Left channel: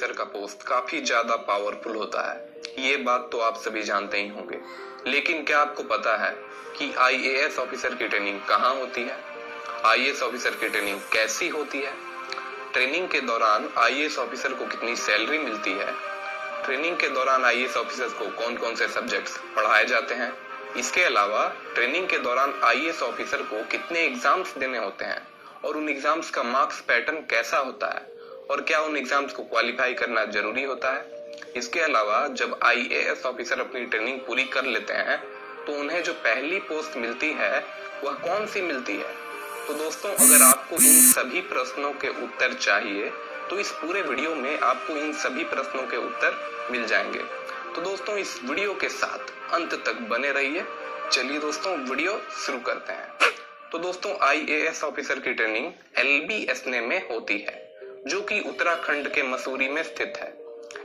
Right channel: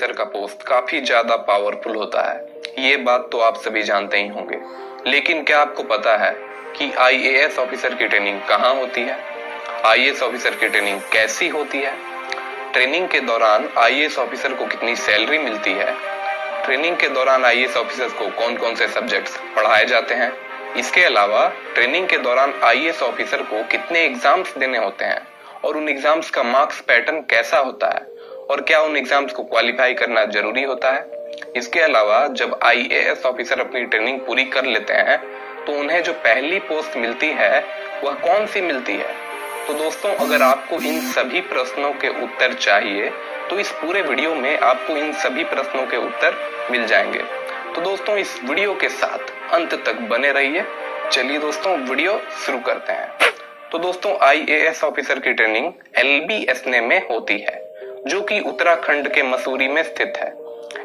Officer का post काफी ज्यादा पावरफुल होता है। ये बात तो आप सभी जानते ही होंगे, लेकिन क्या आपको पता है कि आईएएस ऑफिसर की ट्रेनिंग कहाँ होती है? आईएएस ऑफिसर की ट्रेनिंग कैसी होती है? ट्रेनिंग के दौरान आईएएस ऑफिसर को कितनी सैलरी मिलती है? ट्रेनिंग के दौरान आईएएस ऑफिसर्स को कौन कौन से सब्जेक्ट्स पढ़ाए जाते हैं? इसके अलावा ट्रेनिंग के दौरान आईएएस ऑफिसर को कितने एग्जाम्स देने होते हैं और उन एग्जाम्स का मार्क्स पैटर्न कैसा होता है और क्या उन एग्जाम्स को क्वालिफाई करना जरूरी होता है? इसके अलावा जब आईएएस ऑफिसर अपनी ट्रेनिंग पूरी कर लेते हैं तो उन्हें जो पहली पोस्ट मिलती है वह कौन सी मिलती है? तो दोस्तों, अगर आपको इन सभी प्रश्नों के उत्तर चाहिए तो इस पूरे वीडियो में आपको इन सभी प्रश्नों के उत्तर मिल जाएंगे। तो दोस्तों, इस वीडियो के साथ अंत तक बने रहिए। चलिए दोस्तों, वीडियो शुरू करते हैं। तो दोस्तों, आईएएस ऑफिसर की ट्रेनिंग एलबीएसने में होती है, जो कि उत्तराखंड के मसूरी में स्थित है।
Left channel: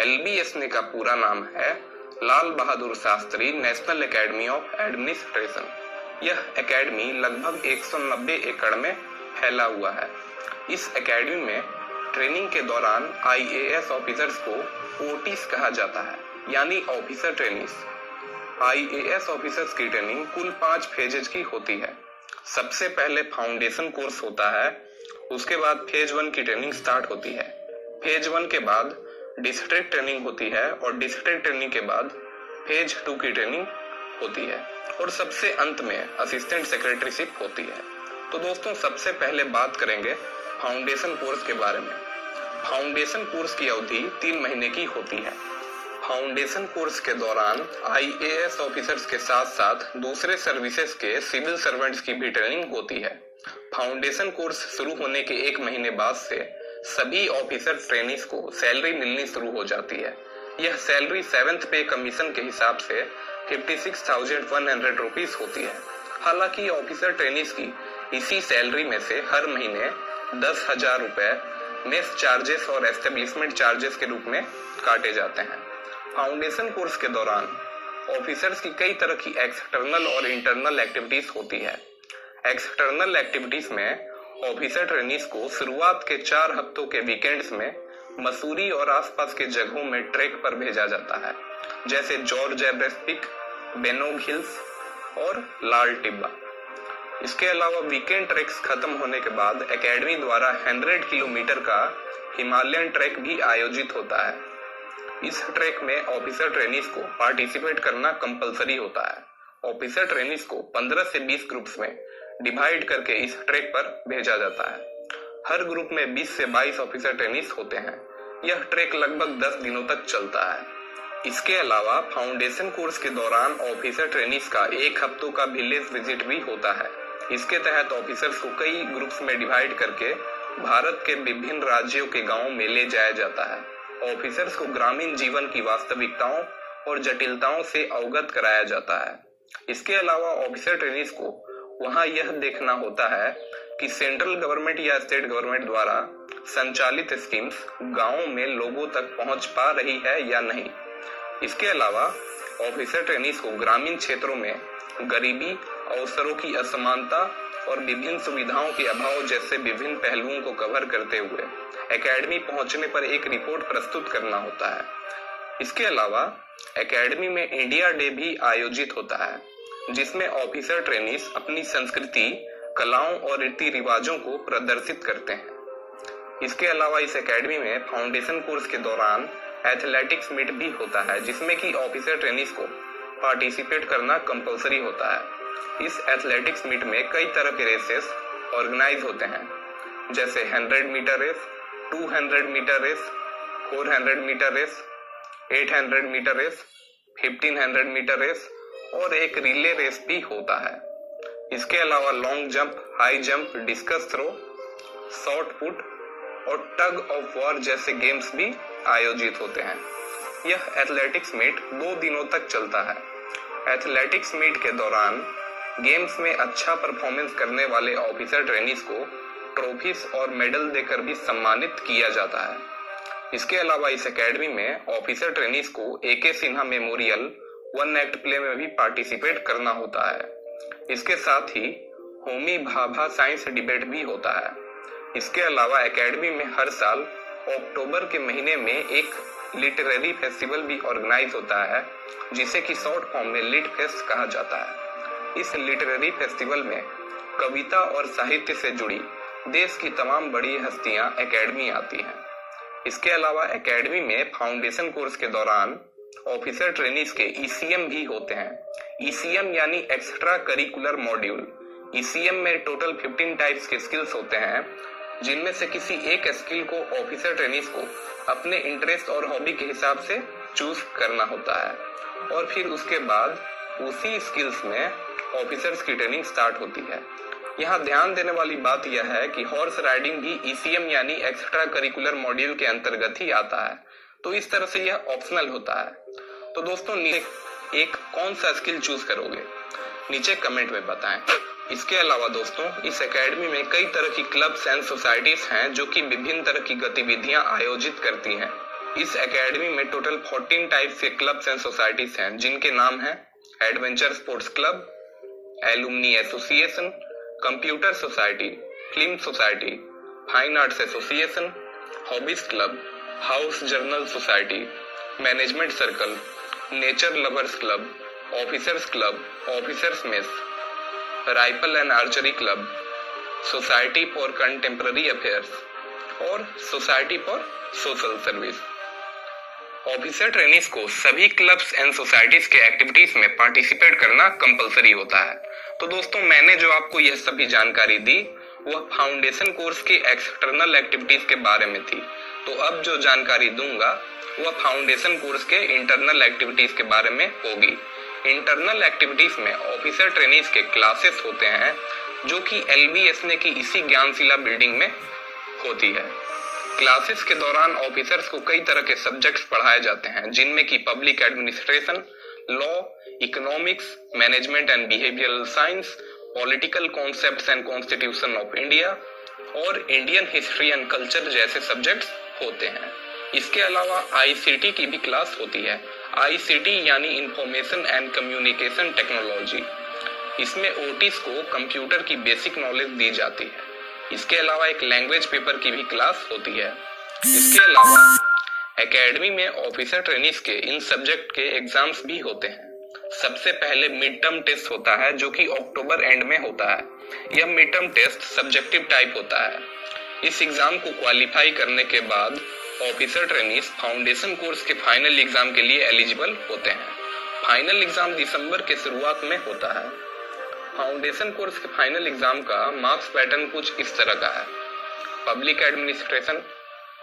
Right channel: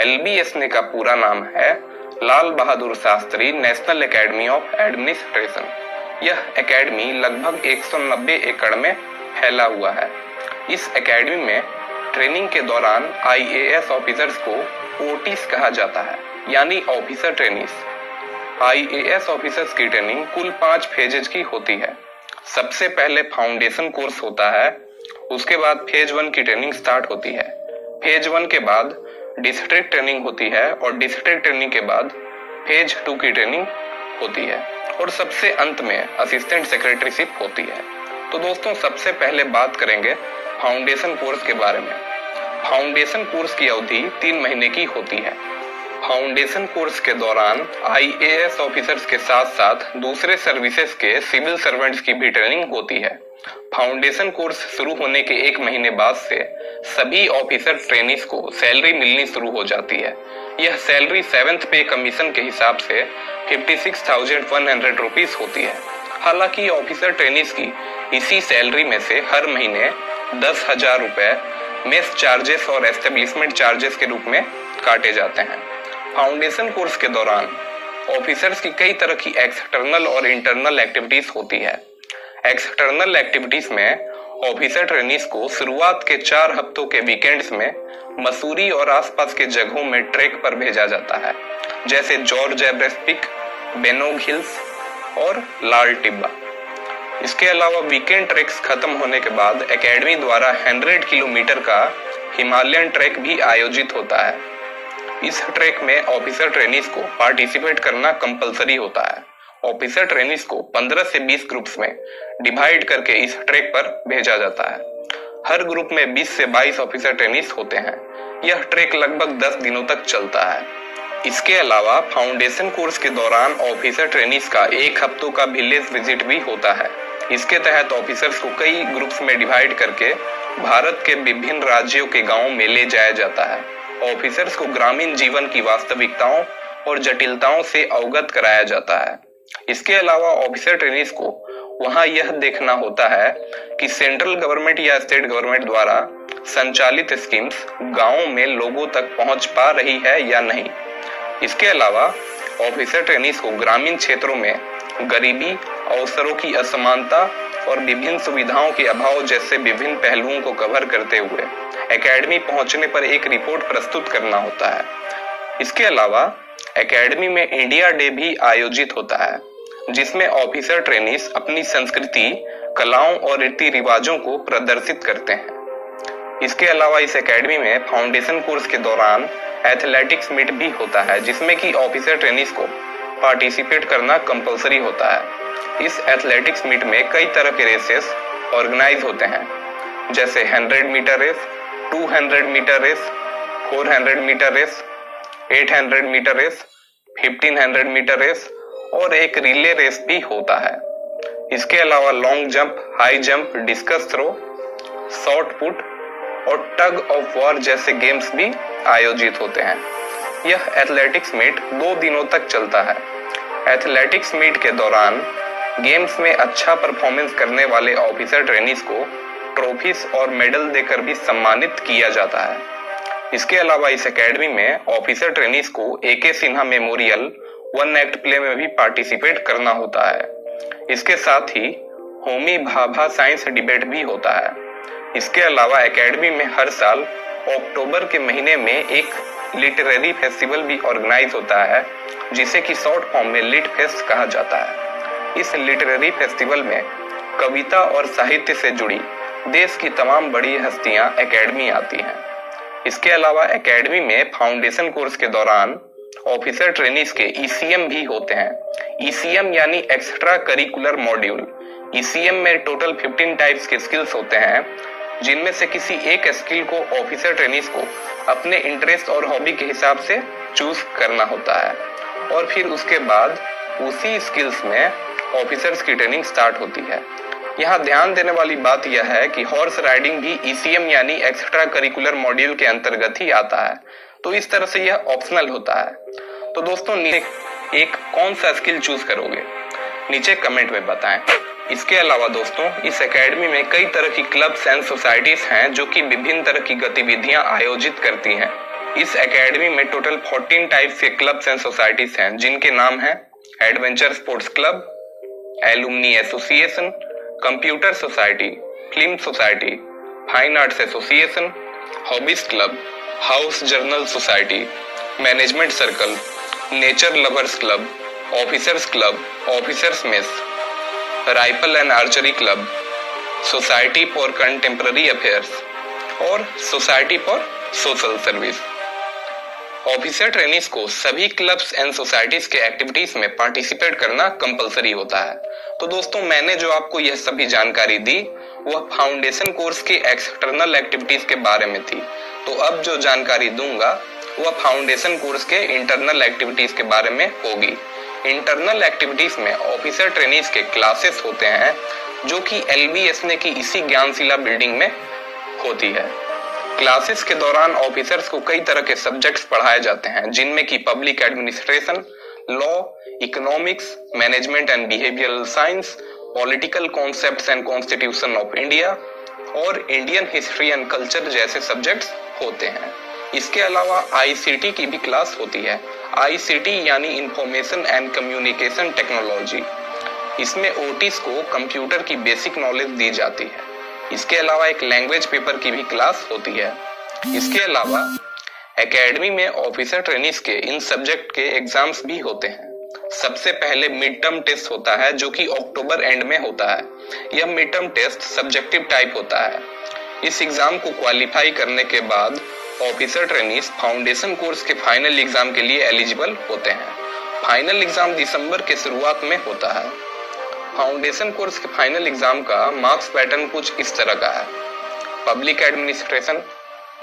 एलबीएसने का पूरा नाम है Lal Bahadur Shastri national academy of administration. यह एकेडमी लगभग 190 एकड़ में फैला हुआ है। इस एकेडमी में ट्रेनिंग के दौरान आईएएस ऑफिसर्स को ओटीस कहा जाता है, यानी ऑफिसर ट्रेनीज। आईएएस ऑफिसर्स की ट्रेनिंग कुल 5 फेजेज की होती है। सबसे पहले फाउंडेशन कोर्स होता है, उसके बाद फेज 1 की ट्रेनिंग स्टार्ट होती है। फेज 1 के बाद डिस्ट्रिक्ट ट्रेनिंग होती है और डिस्ट्रिक्ट ट्रेनिंग के बाद फेज 2 की ट्रेनिंग होती है और सबसे अंत में असिस्टेंट सेक्रेटरीशिप होती है। तो दोस्तों, सबसे पहले बात करेंगे फाउंडेशन कोर्स के बारे में। फाउंडेशन कोर्स की अवधि 3 महीने की होती है। फाउंडेशन कोर्स के दौरान आईएएस ऑफिसर्स के साथ साथ दूसरे सर्विसेज के सिविल सर्वेंट्स की भी ट्रेनिंग होती है। फाउंडेशन कोर्स शुरू होने के 1 महीने बाद से सभी ऑफिसर ट्रेनीज को सैलरी मिलनी शुरू हो जाती है। यह सैलरी 7th पे कमीशन के हिसाब से 56,100 रुपीज होती है। हालांकि ऑफिसर ट्रेनीज की इसी सैलरी में से हर महीने 10,000 रुपए मेस चार्जेस और एस्टेब्लिशमेंट चार्जेस के रूप में काटे जाते हैं। फाउंडेशन कोर्स के दौरान ऑफिसर्स की कई तरह की एक्सटर्नल और इंटरनल एक्टिविटीज होती है। एक्सटर्नल एक्टिविटीज में ऑफिसर ट्रेनीज को शुरुआत के 4 हफ्तों के वीकेंड्स में मसूरी और आसपास के जगहों में ट्रैक पर भेजा जाता है, जैसे George Everest peak, Benog hills और लाल टिब्बा। इसके अलावा वीकेंड ट्रैक्स खत्म होने के बाद एकेडमी द्वारा 100 किलोमीटर का हिमालयन ट्रैक भी आयोजित होता है। इस ट्रैक में ऑफिसर ट्रेनीज को पार्टिसिपेट करना कंपलसरी होता है। ऑफिसर ट्रेनीज को 15 से 20 ग्रुप्स में डिवाइड करके इस ट्रैक पर भेजा जाता है। हर ग्रुप में 20 से 22 ऑफिसर ट्रेनीज होते हैं। यह ट्रैक लगभग 10 दिनों तक चलता है। इसके अलावा फाउंडेशन कोर्स के दौरान ऑफिसर ट्रेनीज का 1 हफ्तों का विलेज विजिट भी होता है। इसके तहत ऑफिसर्स को कई ग्रुप्स में डिवाइड करके भारत के विभिन्न राज्यों के गांवों में ले जाया जाता है। ऑफिसर्स को ग्रामीण जीवन की वास्तविकताओं और जटिलताओं से अवगत कराया जाता है। इसके अलावा ऑफिसर ट्रेनीज को वहां यह देखना होता है कि सेंट्रल गवर्नमेंट या स्टेट गवर्नमेंट द्वारा संचालित स्कीम्स गांवों में लोगों तक पहुंच पा रही है या नहीं। इसके अलावा ऑफिसर ट्रेनीज को ग्रामीण क्षेत्रों में गरीबी, अवसरों की असमानता और विभिन्न सुविधाओं के अभाव जैसे विभिन्न पहलुओं को कवर करते हुए एकेडमी पहुंचने पर एक रिपोर्ट प्रस्तुत करना होता है। इसके अलावा एकेडमी में इंडिया डे भी आयोजित होता है, जिसमें ऑफिसर ट्रेनीज अपनी संस्कृति, कलाओं और रीति रिवाजों को प्रदर्शित करते हैं। इसके अलावा इस एकेडमी में फाउंडेशन कोर्स के दौरान एथलेटिक्स मीट भी होता है, जिसमें कि ऑफिसर ट्रेनीज को पार्टिसिपेट करना कंपलसरी होता है। इस एथलेटिक्स मीट में कई तरह के रेसेस ऑर्गेनाइज होते हैं, जैसे 100 metre race, 200 metre race, 400 metre race, 800 metre race, 1500 metre race और एक रिले रेस भी होता है। इसके अलावा long jump, high jump, discus throw, shot put और टग ऑफ वॉर जैसे गेम्स भी आयोजित होते हैं। यह एथलेटिक्स मीट 2 दिनों तक चलता है। एथलेटिक्स मीट के दौरान गेम्स में अच्छा परफॉर्मेंस करने वाले ऑफिसर ट्रेनीज को ट्रॉफीज और मेडल देकर भी सम्मानित किया जाता है। इसके अलावा इस एकेडमी में ऑफिसर ट्रेनीज को एके सिन्हा मेमोरियल 1 एक्ट प्ले में भी पार्टिसिपेट करना होता है। इसके साथ ही होमी भाभा साइंस डिबेट भी होता है। इसके अलावा एकेडमी में हर साल अक्टूबर के महीने में एक लिटरेरी फेस्टिवल भी ऑर्गेनाइज होता है जिसे कि शॉर्ट फॉर्म में लिट फेस्ट कहा जाता है। इस लिटरेरी फेस्टिवल में कविता और साहित्य से जुड़ी देश की तमाम बड़ी हस्तियां एकेडमी आती हैं। इसके अलावा एकेडमी में फाउंडेशन कोर्स के दौरान ऑफिसर ट्रेनीज के ईसीएम भी होते हैं। ईसीएम यानी एक्स्ट्रा करिकुलर मॉड्यूल। ईसीएम में टोटल 15 टाइप्स के स्किल्स होते हैं जिनमें से किसी एक स्किल को ऑफिसर ट्रेनीज को अपने इंटरेस्ट और हॉबी के हिसाब से चूज करना होता है और फिर उसके बाद उसी स्किल्स में ऑफिसर्स की ट्रेनिंग स्टार्ट होती है। यहाँ ध्यान देने वाली बात यह है कि हॉर्स राइडिंग भी ईसीएम यानी एक्स्ट्रा करिकुलर मॉड्यूल के अंतर्गत ही आता है, तो इस तरह से यह ऑप्शनल होता है। तो दोस्तों एक कौन सा स्किल चूज करोगे नीचे कमेंट में बताएं। इसके अलावा दोस्तों इस एकेडमी में कई तरह की क्लब्स एंड सोसाइटीज हैं जो कि विभिन्न तरह की गतिविधियां आयोजित करती हैं। इस एकेडमी में टोटल 14 टाइप्स के क्लब्स एंड सोसाइटीज हैं जिनके नाम हैं adventure sports club, alumni association, computer society, film society, fine arts association, hobbies club, house journal society, management circle, nature lovers club, officers club, officers mess, rifle and archery club, society for contemporary affairs और society for social service. Officer trainees को सभी clubs and societies के activities में participate करना compulsory होता है। तो दोस्तों मैंने जो आपको यह सभी जानकारी दी वह फाउंडेशन कोर्स के एक्सटर्नल एक्टिविटीज के बारे में थी। तो अब जो जानकारी दूंगा वह फाउंडेशन कोर्स के इंटरनल एक्टिविटीज के बारे में होगी। इंटरनल एक्टिविटीज में ऑफिसर ट्रेनीज के क्लासेस होते हैं जो कि एलबीएसने की इसी ज्ञानशिला बिल्डिंग में होती है। क्लासेस के दौरान ऑफिसर्स को कई तरह के सब्जेक्ट्स पढ़ाए जाते हैं जिनमें कि public administration, law, economics, management and behavioural science, political concepts and constitution of India और इंडियन हिस्ट्री एंड कल्चर जैसे सब्जेक्ट्स होते हैं। इसके अलावा आईसीटी की भी क्लास होती है। आईसीटी यानी इंफॉर्मेशन एंड कम्युनिकेशन टेक्नोलॉजी। इसमें ओटीज को कंप्यूटर की बेसिक नॉलेज दी जाती है। इसके अलावा एक लैंग्वेज पेपर की भी क्लास होती है। इसके अलावा एकेडमी में ऑफिसर ट्रेनीज के इन सब्जेक्ट के एग्जाम्स भी होते हैं। सबसे पहले मिड टर्म टेस्ट होता है जो कि अक्टूबर एंड में होता है। यह mid term test subjective type होता है। इस एग्जाम को क्वालिफाई करने के बाद ऑफिसर ट्रेनीज फाउंडेशन कोर्स के फाइनल एग्जाम के लिए एलिजिबल होते हैं। फाइनल एग्जाम दिसंबर के शुरुआत में होता है। फाउंडेशन कोर्स के फाइनल एग्जाम का मार्क्स पैटर्न कुछ इस तरह का है। पब्लिक एडमिनिस्ट्रेशन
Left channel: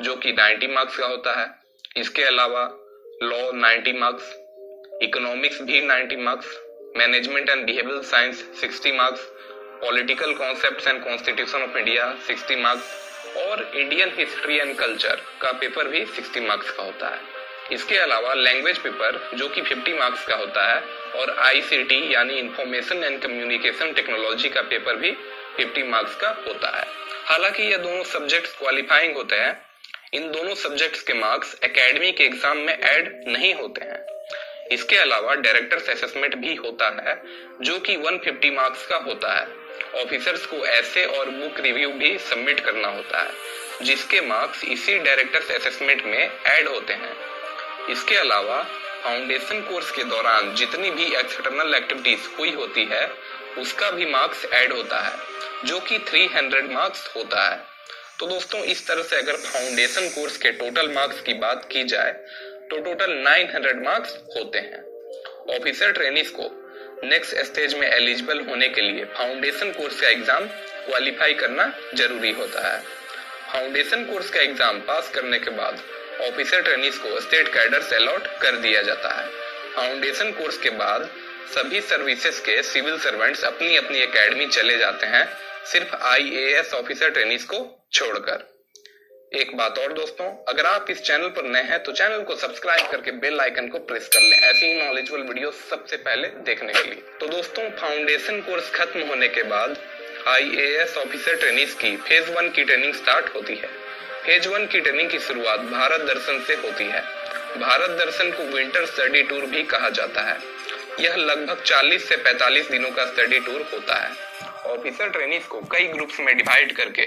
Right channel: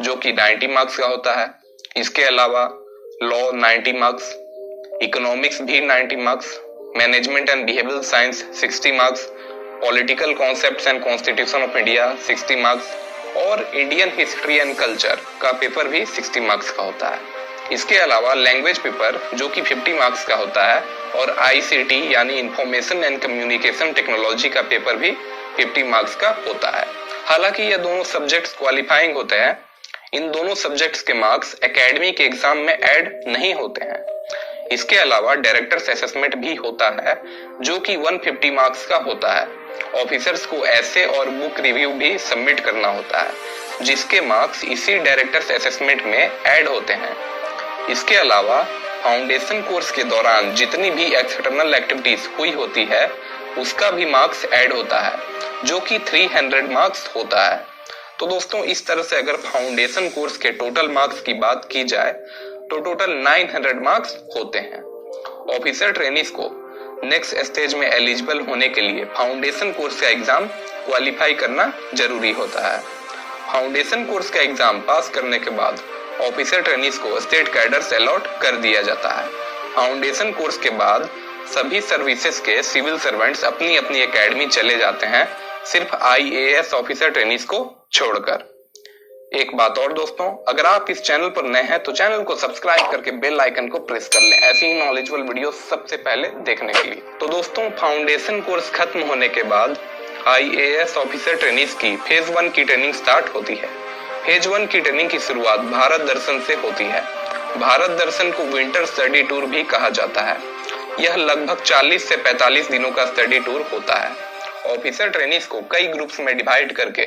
जो कि 90 मार्क्स का होता है। इसके अलावा लॉ 90 मार्क्स, इकोनॉमिक्स भी 90 marks, management and behavioural science 60 marks, political concepts and constitution of India 60 marks और इंडियन हिस्ट्री एंड कल्चर का पेपर भी 60 मार्क्स का होता है। इसके अलावा लैंग्वेज पेपर जो कि 50 मार्क्स का होता है और आईसीटी यानी इंफॉर्मेशन एंड कम्युनिकेशन टेक्नोलॉजी का पेपर भी 50 मार्क्स का होता है। हालांकि ये दोनों सब्जेक्ट्स क्वालिफाइंग होते हैं। इन दोनों सब्जेक्ट्स के मार्क्स एकेडमी के एग्जाम में ऐड नहीं होते हैं। इसके अलावा डायरेक्टर्स असेसमेंट भी होता है जो कि 150 मार्क्स का होता है। ऑफिसर्स को ऐसे और बुक रिव्यू भी सबमिट करना होता है जिसके मार्क्स इसी डायरेक्टर्स असेसमेंट में ऐड होते हैं। इसके अलावा फाउंडेशन कोर्स के दौरान जितनी भी एक्सटर्नल एक्टिविटीज हुई होती है उसका भी मार्क्स ऐड होता है जो कि 300 मार्क्स होता है। तो दोस्तों इस तरह से अगर फाउंडेशन कोर्स के टोटल मार्क्स की बात की जाए तो टोटल 900 मार्क्स होते हैं। ऑफिसर ट्रेनीज को नेक्स्ट स्टेज में एलिजिबल होने के लिए फाउंडेशन कोर्स का एग्जाम क्वालिफाई करना जरूरी होता है। फाउंडेशन कोर्स का एग्जाम पास करने के बाद ऑफिसर ट्रेनीज को स्टेट कैडर्स अलॉट कर दिया जाता है। फाउंडेशन कोर्स के बाद सभी सर्विसेज के सिविल सर्वेंट्स अपनी अपनी एकेडमी चले जाते हैं, सिर्फ आईएएस ऑफिसर ट्रेनीज को छोड़कर। एक बात और दोस्तों, अगर आप इस चैनल पर नए हैं तो चैनल को सब्सक्राइब करके बेल आइकन को प्रेस कर लें ऐसी ही नॉलेजेबल वीडियो सबसे पहले देखने के लिए। तो दोस्तों फाउंडेशन कोर्स खत्म होने के बाद आईएएस ऑफिसर ट्रेनीज की फेज 1 की ट्रेनिंग स्टार्ट होती है। फेज 1 की ट्रेनिंग की शुरुआत भारत दर्शन से होती है। भारत दर्शन को विंटर स्टडी टूर भी कहा जाता है। यह लगभग 40 से 45 दिनों का स्टडी टूर होता है। ऑफिसर ट्रेनीज को कई ग्रुप्स में डिवाइड करके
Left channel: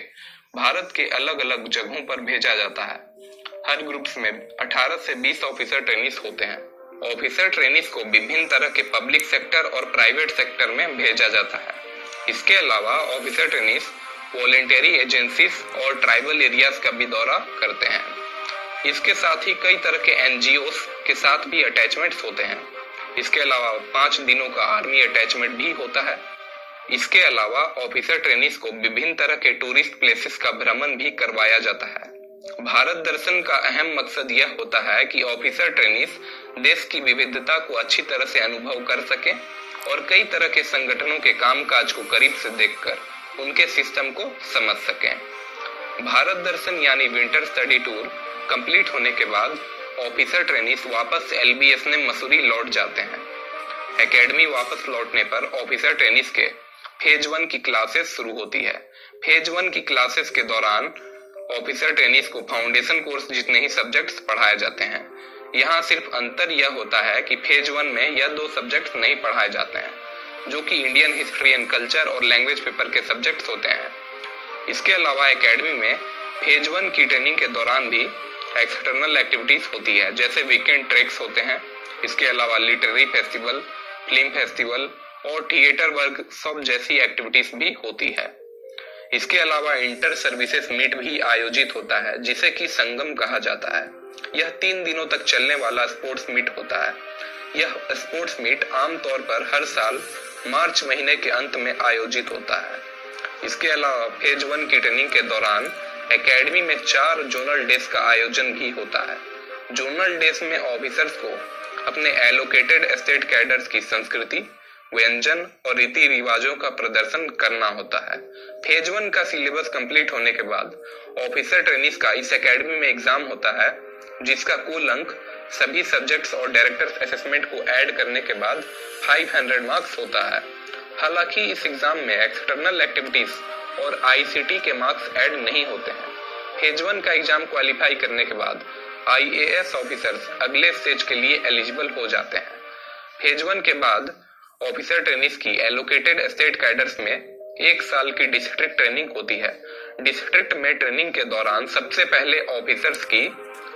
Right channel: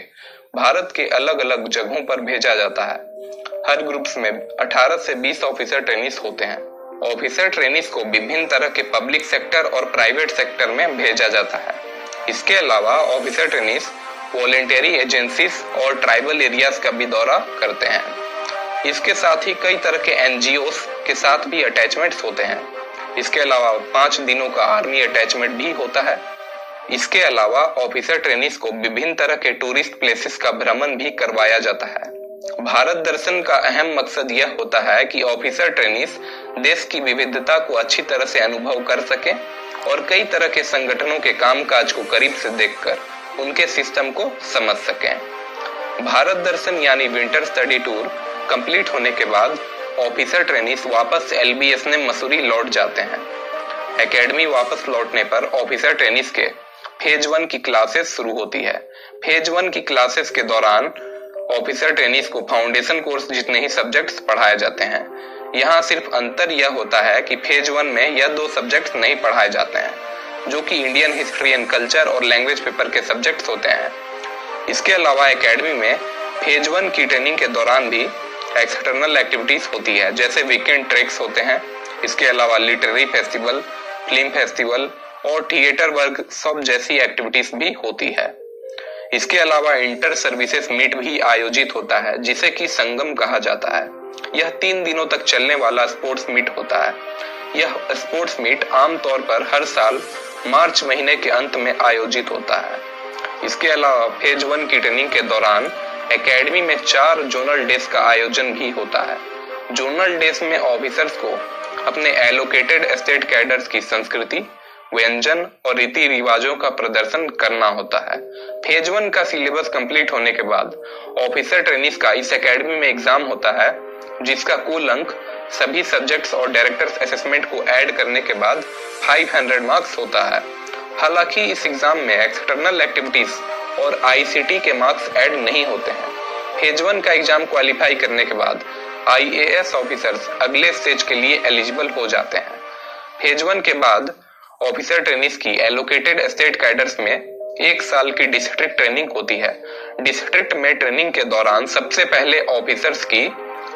भारत के अलग अलग जगहों पर भेजा जाता है। हर ग्रुप्स में 18 से 20 ऑफिसर ट्रेनिस होते हैं। ऑफिसर ट्रेनिस को विभिन्न तरह के पब्लिक सेक्टर और प्राइवेट सेक्टर में भेजा जाता है। इसके अलावा ऑफिसर ट्रेनिस वॉलेंटरी एजेंसीज और ट्राइबल एरियाज का भी दौरा करते हैं। इसके साथ ही कई तरह के एनजीओस के साथ भी अटैचमेंट्स होते हैं। इसके अलावा 5 दिनों का आर्मी अटैचमेंट भी होता है। इसके अलावा ऑफिसर ट्रेनिस को विभिन्न तरह के टूरिस्ट प्लेसेस का भ्रमण भी करवाया जाता है। भारत दर्शन का अहम मकसद यह होता है कि ऑफिसर ट्रेनिस देश की विविधता को अच्छी तरह से अनुभव कर सके और कई तरह के संगठनों के कामकाज को करीब से देखकर उनके सिस्टम को समझ सकें। भारत दर्शन यानी विंटर स्टडी टूर कंप्लीट होने के बाद ऑफिसर ट्रेनिस वापस LBS ने मसूरी लौट जाते हैं। एकेडमी वापस लौटने पर ऑफिसर ट्रेनिस के फेज 1 की क्लासेस शुरू होती है। फेज 1 की क्लासेस के दौरान ऑफिसर ट्रेनिस को फाउंडेशन कोर्स जितने ही सब्जेक्ट्स पढ़ाए जाते हैं। यहाँ सिर्फ अंतर यह होता है कि फेज 1 में यह 2 सब्जेक्ट्स नहीं पढ़ाए जाते हैं, जो कि इंडियन हिस्ट्री एंड कल्चर और लैंग्वेज पेपर के सब्जेक्ट्स होते हैं। इसके अलावा एकेडमी में फेज 1 की ट्रेनिंग के दौरान भी एक्सटर्नल एक्टिविटीज होती है, जैसे वीकेंड ट्रेक्स होते हैं। इसके अलावा लिटरेरी फेस्टिवल, फिल्म फेस्टिवल और थिएटर वर्कशॉप जैसी एक्टिविटीज भी होती है। इसके अलावा इंटर सर्विसेज मीट भी आयोजित होता है, जिसे कि संगम कहा जाता है। यह 3 दिनों तक चलने वाला स्पोर्ट्स मीट होता है। यह स्पोर्ट्स मीट आमतौर पर हर साल मार्च महीने के अंत में आयोजित होता है। इसके अलावा फेज 1 की ट्रेनिंग के दौरान एकेडमी में 4 जोनल डेज का आयोजन भी होता है। जोनल डेज में ऑफिसर्स को अपने एलोकेटेड एस्टेट कैडर्स की संस्कृति, व्यंजन और रीति रिवाजों का प्रदर्शन करना होता है। फेज 1 का सिलेबस कंप्लीट होने के बाद ऑफिसर ट्रेनिस का इस एकेडमी में एग्जाम होता है, जिसका कुल अंक सभी सब्जेक्ट्स और डायरेक्टर्स असेसमेंट को ऐड करने के बाद 500 मार्क्स होता है। हालांकि इस एग्जाम में एक्सटर्नल एक्टिविटीज और ICT के मार्क्स ऐड नहीं होते हैं। फेज 1 का एग्जाम क्वालिफाई करने के बाद IAS ऑफिसर्स अगले स्टेज के लिए एलिजिबल हो जाते हैं। फेज 1 के बाद ऑफिसर ट्रेनिस की एलोकेटेड स्टेट कैडर्स में 1 साल की डिस्ट्रिक्ट ट्रेनिंग होती है। डिस्ट्रिक्ट में ट्रेनिंग के दौरान सबसे पहले ऑफिसर्स की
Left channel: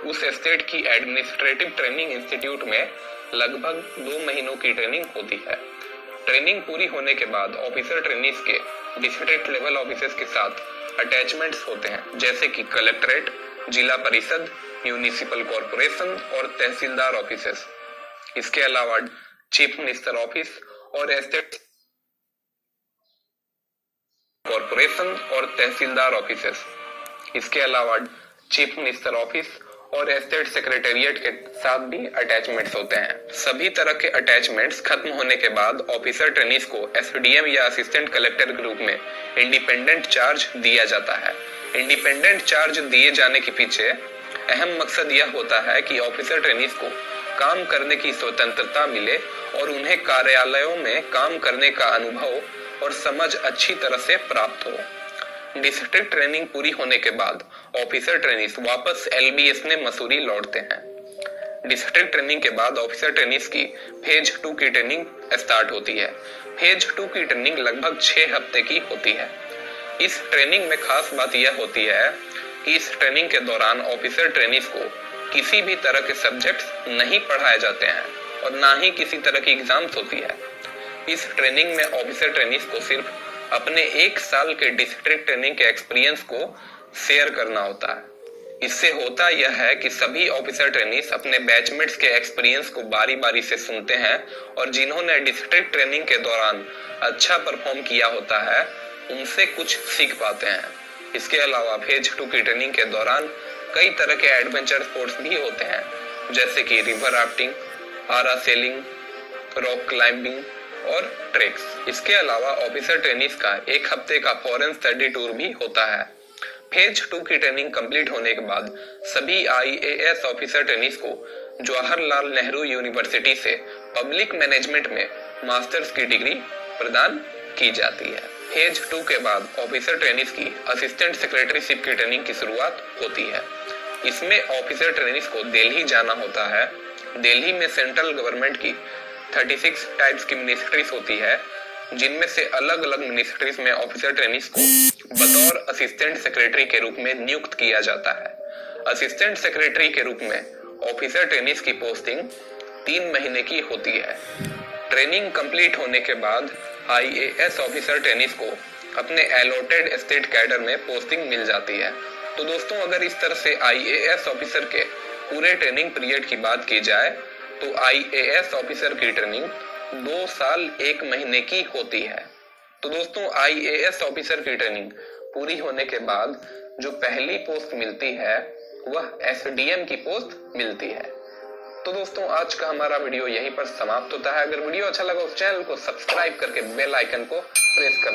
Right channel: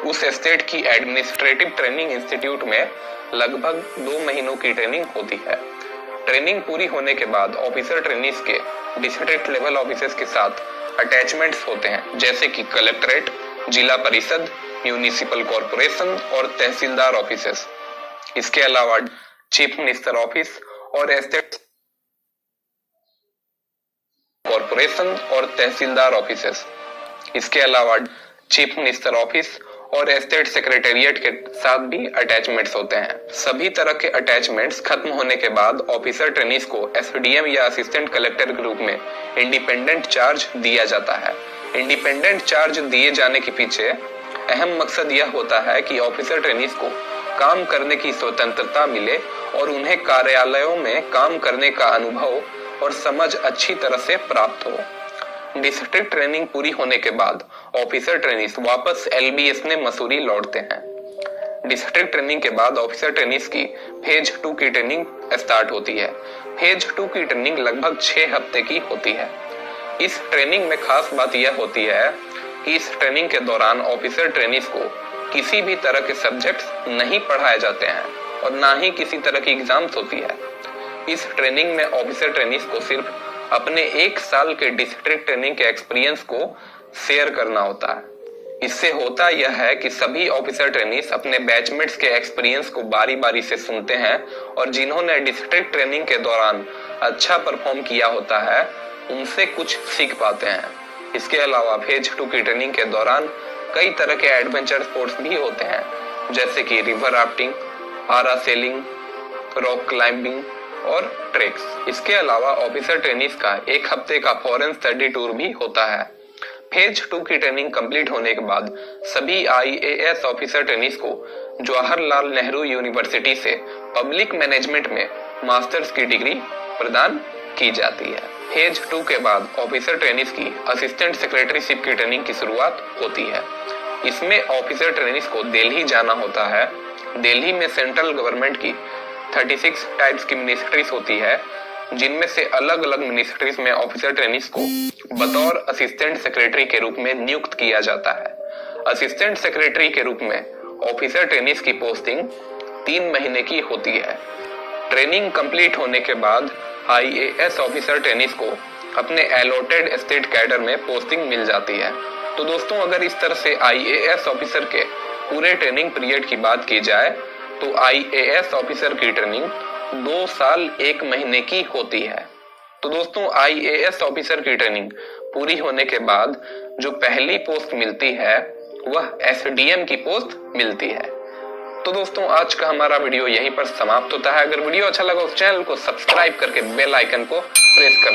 उस स्टेट की एडमिनिस्ट्रेटिव ट्रेनिंग इंस्टीट्यूट में लगभग 2 महीनों की ट्रेनिंग होती है। ट्रेनिंग पूरी होने के बाद ऑफिसर ट्रेनिस के डिस्ट्रिक्ट लेवल ऑफिसर्स के साथ अटैचमेंट्स होते हैं, जैसे कि कलेक्ट्रेट, जिला परिषद, म्यूनिसिपल कॉर्पोरेशन और तहसीलदार ऑफिसेस। इसके अलावा चीफ मिनिस्टर ऑफिस और एस्टेट कॉर्पोरेशन और तहसीलदार ऑफिसेस। इसके अलावा चीफ मिनिस्टर ऑफिस और एस्टेट सेक्रेटेरिएट के साथ भी अटैचमेंट्स होते हैं। सभी तरह के अटैचमेंट्स खत्म होने के बाद ऑफिसर ट्रेनिस को SDM या असिस्टेंट कलेक्टर के रूप में इंडिपेंडेंट चार्ज दिया जाता है। इंडिपेंडेंट चार्ज दिए जाने के पीछे अहम मकसद यह होता है कि ऑफिसर ट्रेनिस को काम करने की स्वतंत्रता मिले और उन्हें कार्यालयों में काम करने का अनुभव और समझ अच्छी तरह से प्राप्त हो। डिस्ट्रिक्ट ट्रेनिंग पूरी होने के बाद ऑफिसर ट्रेनिस वापस LBS ने मसूरी लौटते हैं। डिस्ट्रिक्ट ट्रेनिंग के बाद ऑफिसर ट्रेनिस की फेज 2 की ट्रेनिंग स्टार्ट होती है। फेज 2 की ट्रेनिंग लगभग 6 हफ्ते की होती है। इस ट्रेनिंग में खास बात यह होती है कि इस ट्रेनिंग के दौरान ऑफिसर ट्रेनिस को किसी भी तरह के सब्जेक्ट्स नहीं पढ़ाए जाते हैं और ना ही किसी तरह की एग्जाम्स होती है। इस ट्रेनिंग में ऑफिसर ट्रेनिस को सिर्फ अपने 1 साल के डिस्ट्रिक्ट ट्रेनिंग के एक्सपीरियंस को शेयर करना होता है। इससे होता यह है कि सभी ऑफिसर ट्रेनिस अपने बैचमेट्स के एक्सपीरियंस को बारी बारी से सुनते हैं और जिन्होंने डिस्ट्रिक्ट ट्रेनिंग के दौरान अच्छा परफॉर्म किया होता है उनसे कुछ सीख पाते हैं। इसके अलावा फेज 2 की ट्रेनिंग के दौरान कई तरह के एडवेंचर स्पोर्ट्स भी होते हैं, जैसे कि river rafting, parasailing, rock climbing और ट्रेक्स। इसके अलावा ऑफिसर ट्रेनिस का 1 हफ्ते का फॉरेन स्टडी टूर भी होता है। फेज 2 की ट्रेनिंग कंप्लीट होने के बाद सभी IAS ऑफिसर ट्रेनिस को जवाहरलाल नेहरू यूनिवर्सिटी से पब्लिक मैनेजमेंट में मास्टर्स की डिग्री प्रदान की जाती है। फेज 2 के बाद ऑफिसर ट्रेनिस की असिस्टेंट सेक्रेटरीशिप की ट्रेनिंग की शुरुआत होती है। इसमें ऑफिसर ट्रेनिस को दिल्ली जाना होता है। दिल्ली में सेंट्रल गवर्नमेंट की 36 टाइप्स की मिनिस्ट्रीज होती है, जिनमें से अलग अलग मिनिस्ट्रीज में ऑफिसर ट्रेनिस को बतौर असिस्टेंट सेक्रेटरी के रूप में नियुक्त किया जाता है। असिस्टेंट सेक्रेटरी के रूप में ऑफिसर ट्रेनिंग की पोस्टिंग 3 महीने की होती है। ट्रेनिंग कंप्लीट होने के बाद आईएएस ऑफिसर ट्रेनिंग को अपने अलॉटेड स्टेट कैडर में पोस्टिंग मिल जाती है। तो दोस्तों, अगर इस तरह से आईएएस ऑफिसर के पूरे ट्रेनिंग पीरियड की बात की जाए तो आईएएस ऑफिसर की ट्रेनिंग 2 साल 1 महीने की होती है। तो दोस्तों, आईएएस ऑफिसर की ट्रेनिंग पूरी होने के बाद जो पहली पोस्ट मिलती है वह एसडीएम की पोस्ट मिलती है। तो दोस्तों, आज का हमारा वीडियो यहीं पर समाप्त होता है। अगर वीडियो अच्छा लगा तो चैनल को सब्सक्राइब करके बेल आइकन को प्रेस कर